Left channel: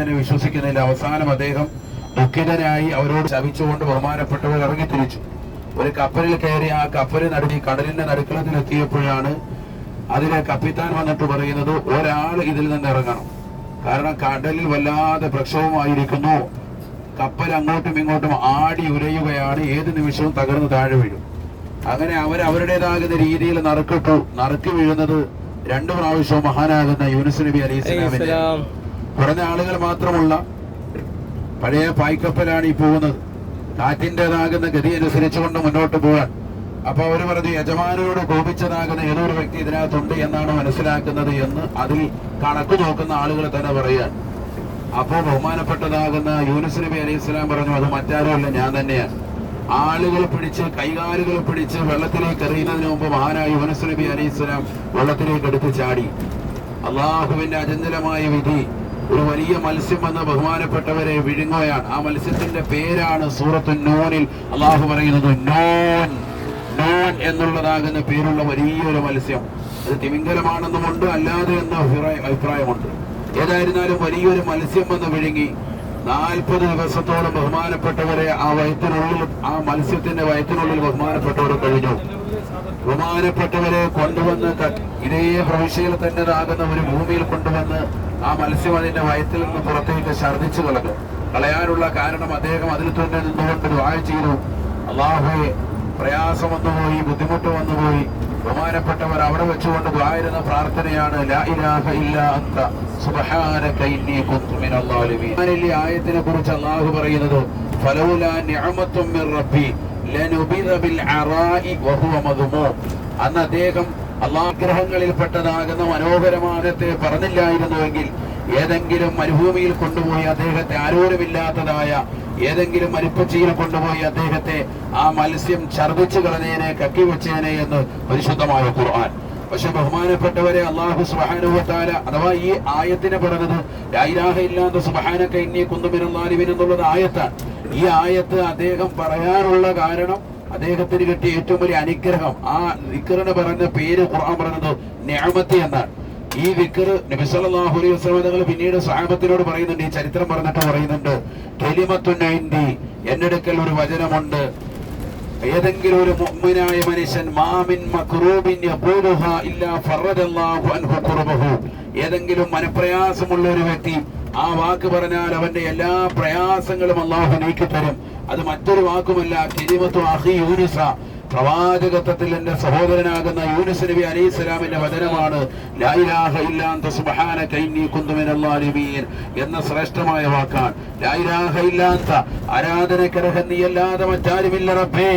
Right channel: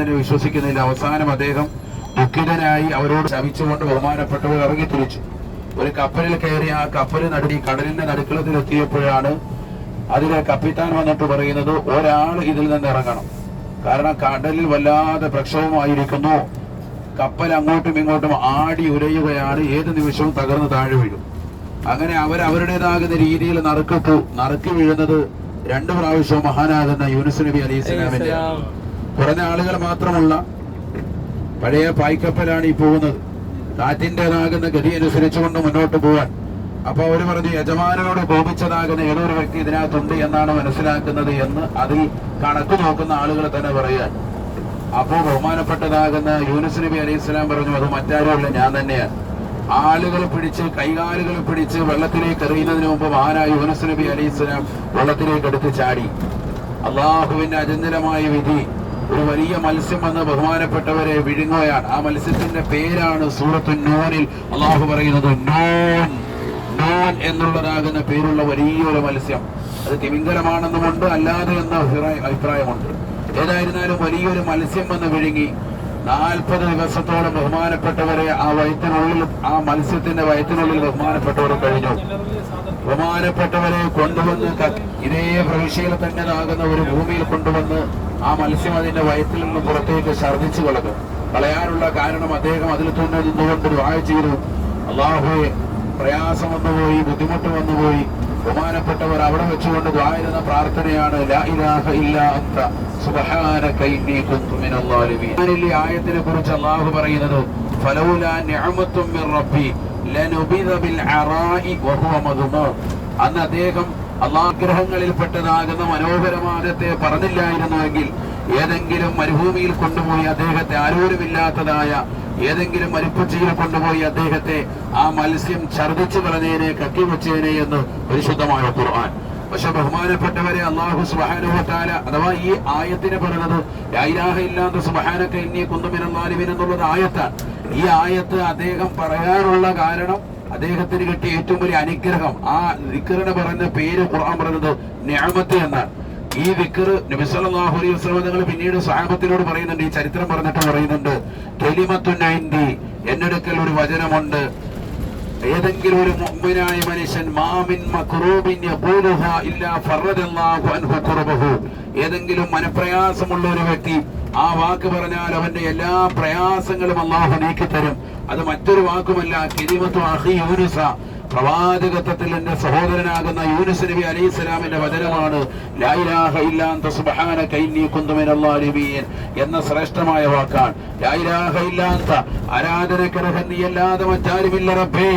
തന്നെ വിശ്വസിക്കുന്നില്ല. അവസാനം അദ്ദേഹം ദുഃഖിതനായി അവരോട് ശപിച്ചുകൊണ്ട് ബഹുമാനപ്പെട്ടവർ ഇറങ്ങിത്തിരിച്ചു. ഒരു കപ്പലിൽ കയറി ആ കപ്പൽ കടലിന്റെ നടുക്കളത്തിലെത്തിയപ്പോഴാണ് അതിലെ കപ്പിത്താൻ വന്നിട്ട് പറയുന്നത്, ഒരാൾ ഇതിൽ നിന്ന് ഇറങ്ങണം, കാരണം കടലിൽ വല്ലാതെ പ്രക്ഷോഭമായിരിക്കുന്നു, കപ്പൽ അങ്ങോട്ടും ഇങ്ങോട്ടും ആടി ഉരയുകയാണ്, ഏത് നിമിഷവും തകർന്ന് താഴെ വീഴും. അങ്ങനെ അവരുടേതാകുന്ന രീതിയിൽ നറുക്ക് വീഴുന്നത് 2 പ്രാവശ്യവും മഹാനാകുന്ന യൂനുസ് നബി അലൈഹി സ്വലാമിന്റെ കുറഞ്ഞ ആളുകൾ മാത്രമുള്ള പഴയ പായ്ക്കപ്പലാണ് ഈ പോകുന്നത്. കാറ്റിൻ്റെതാകുന്ന ഗതി അനുസരിച്ചുകൊണ്ട് മുന്നോട്ട് പോകാൻ. അപ്പൊ അവര് പറഞ്ഞു, യജമാനോട് കോപിച്ചതാകുന്ന ഏതൊരു വ്യക്തി ഇതിനകത്തുണ്ട് എന്നാണ് മനസ്സിലാക്കുന്നത് എന്ന് അതിൽ കണക്ക് നോക്കുന്ന ആളുകൾ തന്നെ പറയാൻ. അപ്പോ ബഹുമാനപ്പെട്ടതാകുന്ന യൂനുസ് നബി അലൈഹി സ്വലാം പറഞ്ഞു, അത് മറ്റാരുമല്ല, ഞാൻ തന്നെയാണ്. ആളുകൾ പിടിച്ച് കൈകാലുകൾ പിടിച്ച് വെള്ളത്തിലേക്ക് എറിയുന്നതിന് മുമ്പ് മഹാനായ യൂനുസ് നബി അലൈഹി സ്വലാം വെള്ളത്തിലേക്ക് എടുത്ത് ചാടി. അള്ളാഹുവിന്റെ അചഞ്ചലമായ വിധി, ഒരു വലിയ മത്സ്യം വന്ന് ബഹുമാനപ്പെട്ടവരെ വിഴുങ്ങുകയാണ്. ആ മത്സ്യത്തിന്റെ പേരാണ് സൂറത്തു നൂനിൽ അള്ളാഹു പറയുന്നത്, നൂൻ എന്നുള്ളതാകുന്ന പേരുള്ള വലിയൊരു മത്സ്യം. അത് തിമിംഗലമാണെന്നുമുണ്ട്, അല്ലാതെ എന്ന അഭിപ്രായമുണ്ട്. ഏതായിരുന്നാലും വലിയൊരു മത്സ്യം വന്ന് വിഴുങ്ങി 40 ദിവസത്തോളം ബഹുമാനപ്പെട്ടവരെ ആ മത്സ്യത്തിന്റെ വയറ്റിനുള്ളിൽ ബഹുമാനപ്പെട്ടവർ കഴിഞ്ഞു. ബഹുമാനപ്പെട്ടവരെ കൊണ്ടുവന്ന് ഇതേ പ്രവിശ്യയിൽ തന്നെതാകുന്ന ഒരു ഭൂമിയിൽ കൊണ്ടുവന്ന് ആ മത്സ്യം അതിന്റെ വയറ്റിൽ നിന്ന് പുറത്തേക്ക് ഛർദ്ദിച്ചു കളയാനുള്ള കാരണം അദ്ദേഹം അതിൽ തന്നെ നിന്നുകൊണ്ട് ദുആ ചെയ്തു. അല്ലാഹുവേ, പ്രയാസം വന്നുപോയി, ബുദ്ധിമുട്ട് വന്നുപോയി. ബഹുമാനപ്പെട്ടവർ അവിടെ വെച്ചുകൊണ്ട് ദ്വാരുന്ന പ്രാർത്ഥനയാണ്, ലാ ഇലാഹ ഇല്ലാ അന്ത സുബ്ഹാനക ഇന്നി കുന്തു മിനൽ ളാലിമീൻ. ഈ ആയത്തിനെ കുറിച്ച് അല്ലാഹു പറയുന്നത്, ഫലൗലാ നിഅമത്തും മിർ റബ്ബി ലനുബിദ ബിൽ അറാഇ വഹുവ മദ്മൂം. അന്ന് അദ്ദേഹം അല്ലാഹുഗ്രഹങ്ങളിൽപ്പെട്ടതാകുന്ന മനോഹരമാദത്തെ പറഞ്ഞില്ലായിരുന്നുവെങ്കിൽ ഏതെങ്കിലും മരുഭൂമിയിൽ കൊണ്ടുപോയി അദ്ദേഹത്തെ, ആരോരുമില്ലാത്തതായ ഏതെങ്കിലും മരുപ്പച്ചിയിൽ കൊണ്ടുപോയി അദ്ദേഹത്തെ ആ മത്സ്യം ഛർദ്ദിച്ചു കളഞ്ഞേനെ, കക്കിവെച്ചേനെ എന്ന് പരിശുദ്ധമായ ഖുർആൻ. പക്ഷെ ബഹുമാനപ്പെട്ടവരെ, അല്ലാഹു സുബ്ഹാനഹു വ തആല അഥവാ ഈ ആയത്തിന് പറയുന്നത് ലാ ഇലാഹ ഇല്ലാ അന്ത സുബ്ഹാനക ഇന്നി കുന്തു മിനൽ ളാലിമീൻ എന്നുള്ളത് ആയത്താണ്. ഈ ആയത്ത് അദ്ദേഹം പറയാനുള്ള കാരണം അദ്ദേഹത്തിന് കിട്ടിയ ഏറ്റവും വലിയ അനുഗ്രഹം. ആ ദിക്റിന് പറഞ്ഞ പേര് ഖുർആൻ പറയുന്നത് നിഅമത്ത് എന്നാണ്. ഈ ദിക്ർ നബി സല്ലല്ലാഹു അലൈഹി വസല്ലം തങ്ങൾ പിന്നീട് സ്വഹാബത്തിനോട് പറയുന്നുണ്ട്, ഈ ചരിത്രം പറഞ്ഞിട്ട് പറയുന്നുണ്ട്, കലിമത്തുൻ ഇൻദി, എന്നടുക്കൽ ഒരു വചനമുണ്ട്. ഏതെങ്കിലും ഒരു മുഅ്മിനായ മനുഷ്യൻ മാമിൻ മക്റൂബിൻ യഖൂലുഹാ ഇല്ലാ ഫറജല്ലാഹു അൻഹു ഖുർബഹു, ഏതെങ്കിലും മനപ്രയാസമുള്ള ഒരു വ്യക്തി ആ വാക്ക് പറഞ്ഞാൽ അവന്റെ എല്ലാ പ്രയാസങ്ങളും അല്ലാഹു നീക്കിത്തരും. അത് മറ്റൊരു വാക്കുമല്ല, കലിമത്തു അഖി യൂനുസ, പ്രവാചകത്വത്തിൽ എന്റെ സഹോദരനാകുന്ന യൂനുസ് നബി അലൈഹി സ്വലാമിന്റെ വചനമാണ് ലാ ഇലാഹ ഇല്ലാ അന്ത സുബ്ഹാനക ഇന്നി കുന്തു മിനൽ ളാലിമീൻ എന്ന ശ്രേഷ്ഠമായ വാക്കാണ്. ലാ ഇലാഹ ഇല്ലാ അന്ത, ആരാധനക്കർഹൻ നീയല്ലാതെ മറ്റാരുമില്ല റബ്ബേ,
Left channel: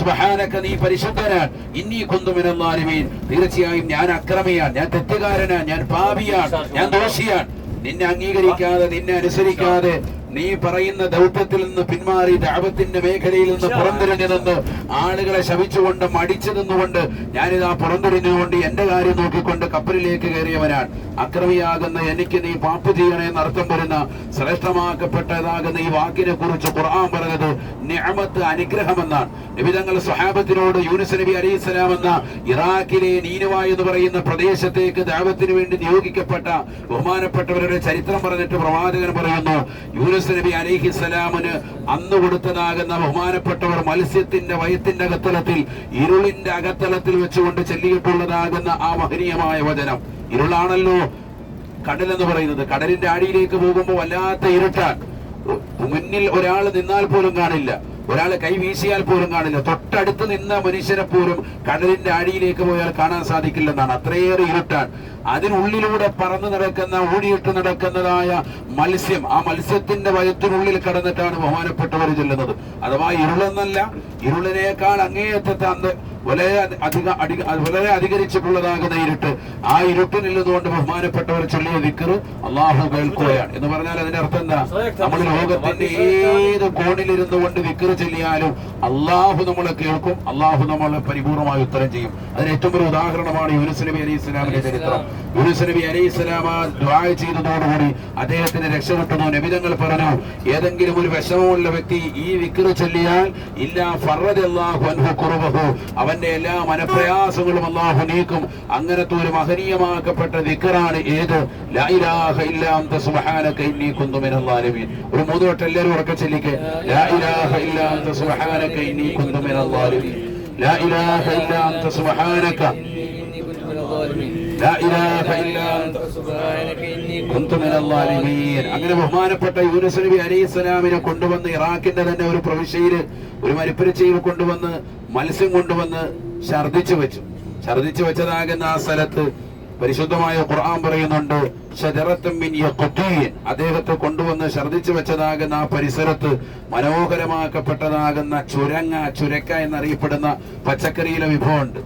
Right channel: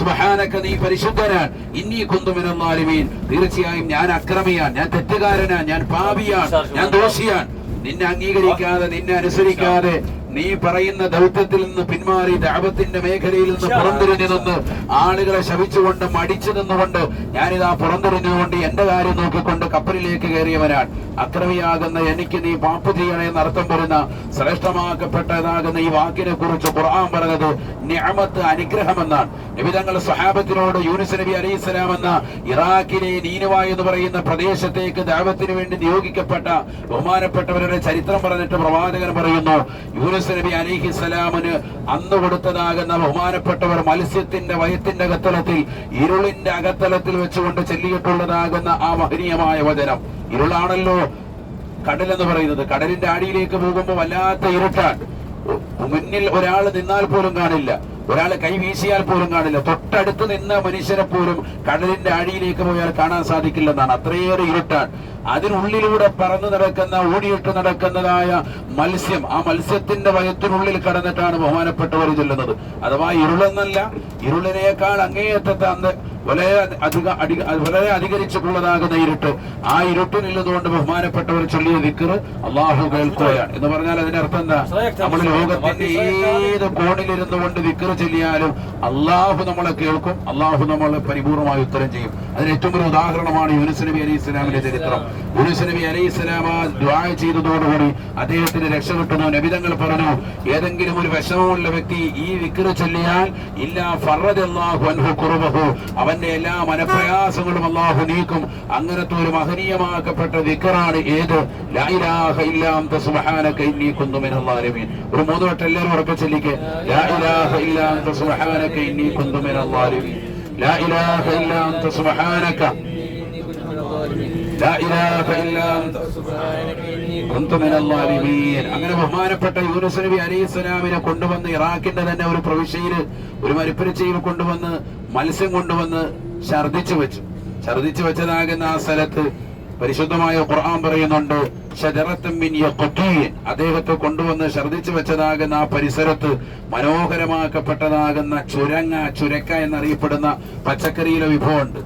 സുബ്ഹാനക, നീ പരിശുദ്ധനാൻ, ഇന്നി കുന്തു മിനൽ ളാലിമീൻ, തീർച്ചയായും ഞാൻ അക്രമിയാൻ, ഞാൻ തെറ്റുകാരനാൻ, ഞാൻ പാപിയാൻ, ഞാൻ ദോഷിയാൻ. നിന്നെ അംഗീകരിക്കാതെ, നിന്നെ അനുസരിക്കാതെ, നീ പറയുന്ന ദൗത്യത്തിൽ നിന്ന് പിന്മാറി ദഅവത്തിന്റെ മേഖലയിൽ നിന്ന് പുറംതിരിഞ്ഞു നിന്ന് ആളുകളെ ശപിച്ചുകൊണ്ട് മടിച്ചു നിന്നുകൊണ്ട് ഞാനിതാ പുറംതിരിഞ്ഞുകൊണ്ട് എന്റെ കാര്യം നോക്കിക്കൊണ്ട് കപ്പലിലേക്ക് കയറിയവനാണ്. അക്രമിയാകുന്ന എനിക്ക് നീ പാപ്പ് ചെയ്യണമെന്ന് അർത്ഥം വരുന്ന ശ്രേഷ്ഠമാക്കപ്പെട്ടതാകുന്ന ഈ വാക്കിനെ കുറിച്ച് ഖുർആൻ പറഞ്ഞത് നിഅമത്ത്, അനുഗ്രഹമെന്നാണ്. നബി തങ്ങൾ സ്വഹാബത്തിനോട് യൂനുസ് നബി അലൈഹി സ്വലാം എന്ന ഇറാഖിലെ നീനുവ എന്ന് പറയുന്ന പ്രദേശത്തേക്ക് ദഅവത്തിന് വേണ്ടി നിയോഗിക്കപ്പെട്ട ബഹുമാനപ്പെട്ടവരുടെ ചരിത്രം പറഞ്ഞിട്ട് പ്രവാചകൻ പറയുന്നു, യൂനുസ് നബി അലൈഹി സ്വലാമിന് അന്ന് കൊടുത്തതാകുന്ന ബഹുമാനപ്പെട്ടവർ മത്സ്യത്തിന്റെ വയത്തിന്റെ അകത്തലത്തിൽ, ഇരുളിന്റെ അകത്തലത്തിൽ വെച്ചുകൊണ്ട് ചൊല്ലിയിട്ടുള്ളതാകുന്ന ആ മഹനീയമായ വചനം. ഇരുളാണല്ലോ കടലെന്ന് പറയുന്നത്. കടലിന്റെ അടിയിലേക്ക് പോകുമ്പോൾ വല്ലാത്ത ഇരുട്ടാണ്. മുന്നിൽ ഒരാൾ നിന്നാൽ പോലും കാണില്ല, ഒരാൾ കൈ വീശിയാൽ പോലും കാണില്ല. തൊട്ടടുത്ത് നിന്ന മനുഷ്യരെ പോലും കടലിന്റെ അടിയിലേക്ക് പോയാൽ കാണാൻ സാധിക്കില്ലെന്നാണ്. അത്രയേറെ ഇരുട്ടാണ്. അതിനുള്ളിലൂടെ പറന്നു നടക്കുന്ന, ഓടിയിട്ട് നടക്കുന്നതായ മത്സ്യം, ആ മത്സ്യത്തിന്റെ വയറ്റിനുള്ളിൽ കടന്നിട്ടാണ് ബഹുമാനപ്പെട്ടവർ ചൊല്ലുന്നത്. അഥവാ ഇരുളെന്നല്ല, ഇരുളിനേക്കാൾ അങ്ങേയറ്റത്തെ വളരെ അധികരിച്ചിട്ടുള്ളതാകുന്ന ഇരുട്ട്. ആ ഇരുട്ടിൽ നിന്നുകൊണ്ട് ബഹുമാനപ്പെട്ടവർ ചൊല്ലിയ ദിക്ർ അല്ലാഹു കേൾക്കുകയാണ് എന്ന് പറഞ്ഞാൽ അതിന്റെ അർത്ഥം എന്താ? നമ്മൾ ലോകത്തിന്റെ ഏത് കോണിലിരുന്നു കൊണ്ട് ദിക്ർ ചൊല്ലിയാലും അല്ലാഹു നമ്മളെ കേൾക്കും, അല്ലാഹു നമ്മളെ പരിപൂർണമായി ഉത്തരം ചെയ്യും. അതിന് ഏറ്റവും ഒരു ഉദാഹരണമാണ് യൂനുസ് നബി അലൈഹി സ്വലാമിന്റെ ചരിത്രം. യൂനുസ് നബി അലൈഹി സ്വലാം ദുആ ചെയ്തതോടുകൂടി അദ്ദേഹത്തിന് രക്ഷപ്പെട്ടു. നബിതങ്ങൾ പറഞ്ഞു, ഏതെങ്കിലും ഒരു വിഷമമുള്ള വ്യക്തി ഈ ദിക്ർ ചൊല്ലിയാൽ ഇല്ലാ ഫറജല്ലാഹു അൻഹു ഖുർബഹു, അവൻ തന്റെ എല്ലാ മനപ്രയാസങ്ങളും അല്ലാഹു നീക്കും. അങ്ങനത്തെ ഒരു മഹനീയമാക്കപ്പെട്ട ദിക്റാണ് ഏത്? ലാ ഇലാഹ ഇല്ലാ അൻത സുബ്ഹാനക ഇന്നി കുന്തു മിനൽ ളാലിമീൻ. ഒരു 3 വട്ടം എല്ലാവരും ഉറക്കെ ചൊല്ലിക്കേ. ലാ ഇലാഹ ഇല്ലാ അൻത സുബ്ഹാനക ഇന്നി കുന്തു മിനൽ ളാലിമീൻ. ലാ ഇലാഹ ഇല്ലാ അൻത സുബ്ഹാനക ലാ ഇലാഹ ഇല്ലാ അൻത കുന്തു മിനൽ ളാലിമീൻ. അങ്ങനെ ബഹുമാനപ്പെട്ട യൂനുസ് നബി അലൈഹിസ്സലാമിനെ കൊണ്ടുവന്ന് ഇറാഖിന്റെ തന്നെ ഒരു പ്രവിശ്യയില് ഒരു മരുപ്പരിച്ചയിൽ കൊണ്ടുവന്ന് മത്സ്യം കൊണ്ടുവന്ന് ഛർദിച്ചു വെച്ചതാകുന്ന ആ സ്ഥലത്ത് പരിശുദ്ധമായ ഖുർആൻ പറയുന്നുണ്ട്, ശജറത്തും മിൻ യഖ്തീൻ, അദ്ദേഹത്തെ കൊണ്ടുവന്ന് ഛർദിച്ചു വെച്ചതാകുന്ന ആ പരിസരത്ത് മനോഹരമാക്കപ്പെട്ടതാകുന്ന ചുരക്ക എന്നറിയപ്പെടുന്ന പച്ചക്കറിയിലെ വിഭവമുണ്ട്.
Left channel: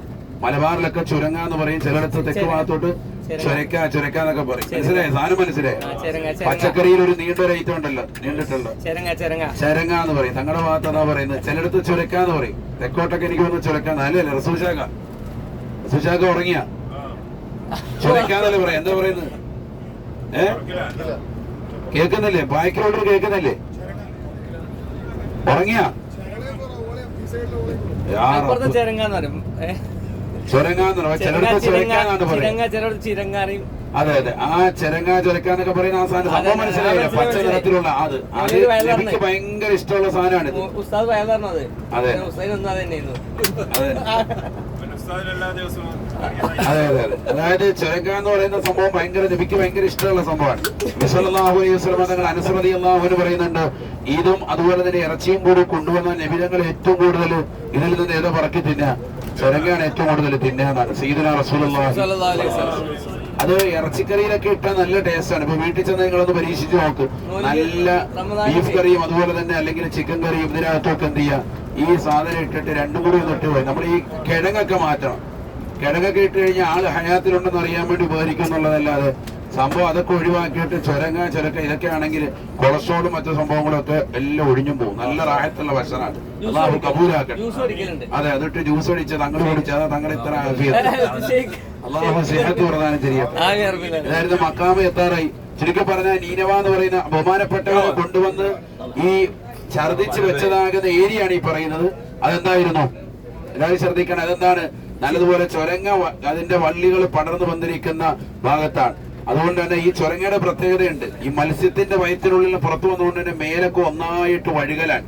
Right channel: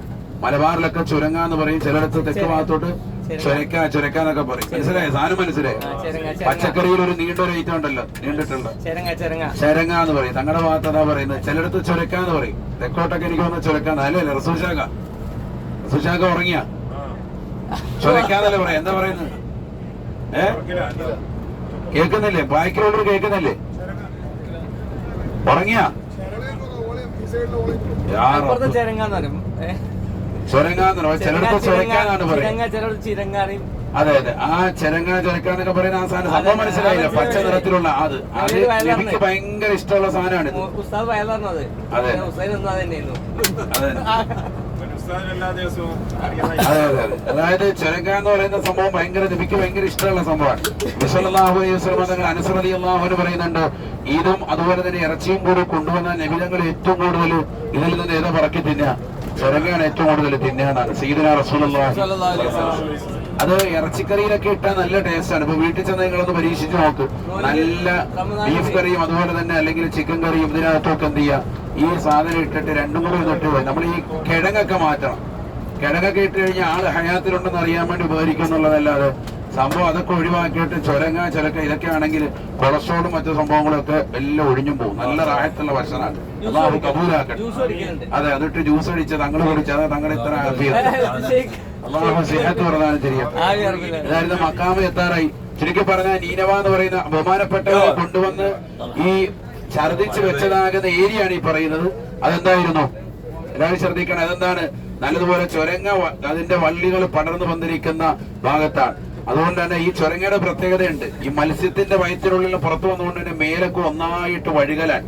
മലബാറിലൊക്കെ ചുരങ്ങ എന്ന് പറയും, ചിലയിടത്ത് തെക്ക് ഭാഗത്തോട്ട് ചുരക്ക എന്നൊക്കെ പറയും. മനസ്സിലായി? സാധനം മനസ്സിലായി? പച്ചക്കറിയിൽ ഒരു നീണ്ടൊരു ഐറ്റം ഉണ്ടല്ലോ, നീണ്ടിട്ടുള്ള ചരങ്ങ എന്ന് പറയും. തങ്ങളുടെ ഭാഗത്ത് അതാ പറയുന്നത്. ചിലയിടത്ത് ചുരക്ക എന്ന് പറയും. തെക്കോട്ടൊക്കെ എനിക്ക് വന്ന് ചുരക്കാന്ന്. അല്ലേ റസൂശാഖ ഉറങ്ങിയ ചുരക്കാന്നല്ലേ പറയാം. എന്താ പറയുന്നത്? കേൾക്കുന്നില്ലേ? ബാക്കിലുള്ളവർ കേൾക്കുന്നില്ലേ? ഉറങ്ങിയ അതെ അതെ, ആ ചുരക്കാന്നൊക്കെ പറയുന്ന ആ സാധനം സംഭവം മനസ്സിലായില്ല. പച്ച നിറത്തിലുള്ള അത് എനിക്ക് ഭയങ്കര ഇഷ്ടമുള്ള സാധനമാണ്. അതെ അതെ അതെ, അതായത് ചുരക്ക എന്ന് പറയുന്ന സംഭവം എനിക്ക് ഭയങ്കര ഇഷ്ടമുള്ള സംഭവമാണ്. സല്ലല്ലാഹു അലൈഹി വസല്ലം തങ്ങൾ അനസ് റളിയല്ലാഹു അൻഹു പറയുന്നുണ്ട്, ഇതും അതുപോലെ തന്നെ ഇറച്ചിയും കൂടി കൊണ്ടുവന്ന നബി തങ്ങൾ ഏറ്റവും കൂടുതൽ ഇതിൽ നിന്ന് ഏതോ പറക്കി തിന്നുക, ചുരങ്ങയാണ് ഏറ്റവും കൂടുതൽ തിന്നുക എന്നാണ് സയ്യിദുനാ റസൂലുള്ളാഹി സ്വല്ലല്ലാഹു അലൈഹി വസല്ലം. അത് ഇറച്ചിക്കറിയിലൊക്കെ ഇട്ടാൽ നല്ല ടേസ്റ്റാണ്. ഇപ്പൊ വീട്ടിൽ ചെന്ന് നിങ്ങളൊന്ന് പരീക്ഷിച്ച് നോക്ക്. നല്ല ബീഫ് കറിയും അതുപോലെ തന്നെ അല്ലെങ്കിൽ ചിക്കൻ കറിയും ഇതിനകത്തൊക്കെ എന്ത് ചെയ്യുക, ഈ സാധനം ഇട്ടിട്ട് രണ്ടും കൂടി ഒന്ന് ഇട്ട് പോയി നമ്മൾ ഈ കിഴങ്ങൊക്കെ മാറ്റണം. കിഴങ്ങൊക്കെ ഇട്ട് കഴിഞ്ഞാൽ ആള് ഹയാത്തിലുണ്ടെന്ന് അറിയാൻ വേണ്ടി ഉപകരിക്കും എന്നുള്ളതല്ലാതെ സംഭവം അതൊക്കെ ഒഴിവാക്കിയിട്ട് ചുരക്ക ഇതൊക്കെ ആണെങ്കിൽ കൊളസ്ട്രോളും മറ്റു സംഭവങ്ങളൊക്കെ എല്ലാം ഒഴിഞ്ഞും പോകും. നല്ല റാഹത്തുള്ള ഭക്ഷണമാണ്. അല്ലാഹു കബൂലാക്കട്ടെ. അതെ, അതിട്ട് ജ്യൂസ് അടിച്ച് തങ്ങൾ കുടിച്ച് അത് തങ്ങൾ ഇത്ര അല്ലാഹു സിഹത്ത് പ്രദാനം ചെയ്യട്ടെ. അതായത് മക്കാമ് എത്താറായി. ചുരുക്കി പറഞ്ഞാൽ നീനവ എന്ന് പറയുന്ന ബഹുമാനപ്പെട്ടവരെ കൊണ്ടുവന്ന് ഈ ഛർദിച്ച് വെച്ചതാകുന്ന ഏരിയയാണ് ഈ പറയുന്നത്. അതെന്തായിരുന്നു? എല്ലാവരും ശ്രദ്ധിക്കണം. അതെന്താണ്? നല്ലതുപോലെ ചുരങ്ങ അതിന്റെ വള്ളികൾ പടർന്നു വന്നിരിക്കുന്ന ഭാഗത്താണ്. അതുകൊണ്ട് തന്നെ ഈ ചുരങ്ങയുടെ പ്രത്യേകതയുണ്ട്. ഈ മത്സ്യത്തിന്റെ വയറ്റിനുള്ളിൽ പുറത്തു വന്നുകൊണ്ട് തന്നെ മേലൊക്കെ ഒന്നായിട്ട് വഴുകലാണ്.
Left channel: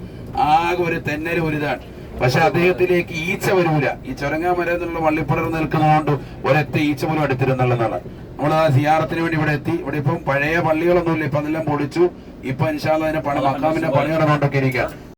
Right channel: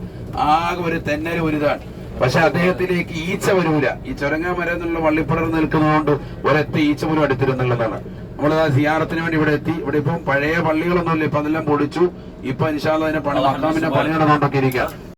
ആകെ ഒരു തെന്നൽ ഒരുതാണ്. പക്ഷെ അദ്ദേഹത്തിലേക്ക് ഈച്ച വരൂല. ഈ ചുരങ്ങ മരം എന്നുള്ള വള്ളിപ്പടർന്ന് നിൽക്കുന്നതുകൊണ്ട് ഒരൊറ്റ ഈച്ച പോലും എടുത്തിരുന്നുള്ളതാണ്. നമ്മൾ ആ സിയാറത്തിന് വേണ്ടി ഇവിടെ എത്തി. ഇവിടെ ഇപ്പം പഴയ പള്ളികളൊന്നുമില്ല, ഇപ്പൊ അതെല്ലാം പൊളിച്ചു. ഇപ്പൊ ഇൻഷാ അല്ലാഹ് അതിന്റെ മക്കാമിന്റെ പണി നടന്നുകൊണ്ടൊക്കെ ഇരിക്കാം.